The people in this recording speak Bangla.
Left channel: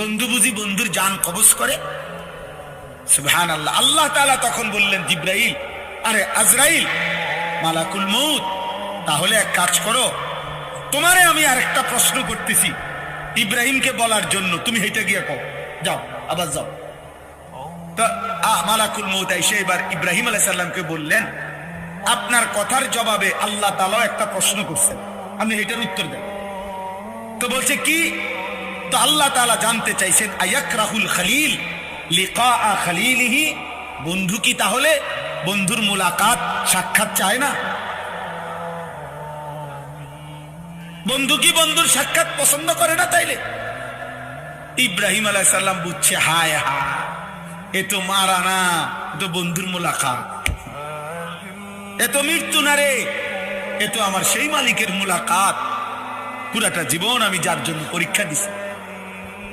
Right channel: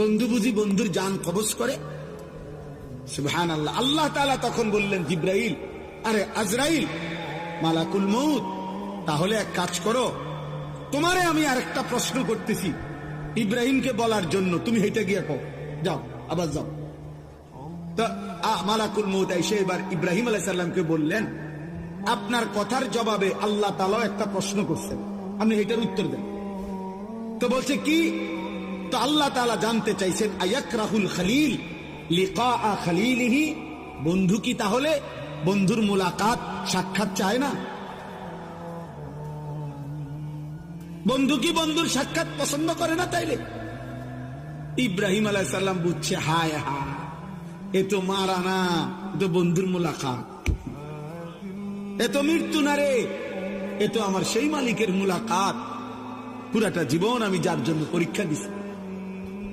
বন্ধু বুঝি বন্ধুর জান কবজ করে? সুবহানাল্লাহ। আল্লাহ তাআলা তখন বললেন জিবরাইল, আরে আজরাইল, মালাকুল মউত, তাহলে এক কাজ করো, তোমারে আমি আরেকটা প্রশ্ন করতেছি ইব্রাহিমকে বলার জন্য, তুমি হেঁটে গিয়ে কও, যাও, আবার যাও। তো মালাকুল মউত এসে এবার ইব্রাহিম আলাইহিস সালামকে বললেন, আপনার কথার জবাবে আল্লাহ তাআলা একটা প্রশ্ন করছেন, আপনি এটার উত্তর দেন। তো বলছে কি? তো আল্লাহ তাআলা জানতে চাইছেন, আয়াকরাহুল খলিল লিকা খলিলিহি, বন্ধু কি তাহলে বন্ধুর মুলাকাত সাক্ষাৎ চায় না? বন্ধু কি বন্ধুর সাক্ষাৎ পছন্দ করে না? তাইলে ইব্রাহিম আলাইহিস সালাম বুঝছে, হায় হায়, এ তো মারা না, এ তো বন্ধুর মুলাকাত, এ তো মৃত্যু না রে, এ তো আমার সেই মালিকের মুলাকাত, পুরাটা জীবন আমি যার জন্য পরীক্ষা দিছি।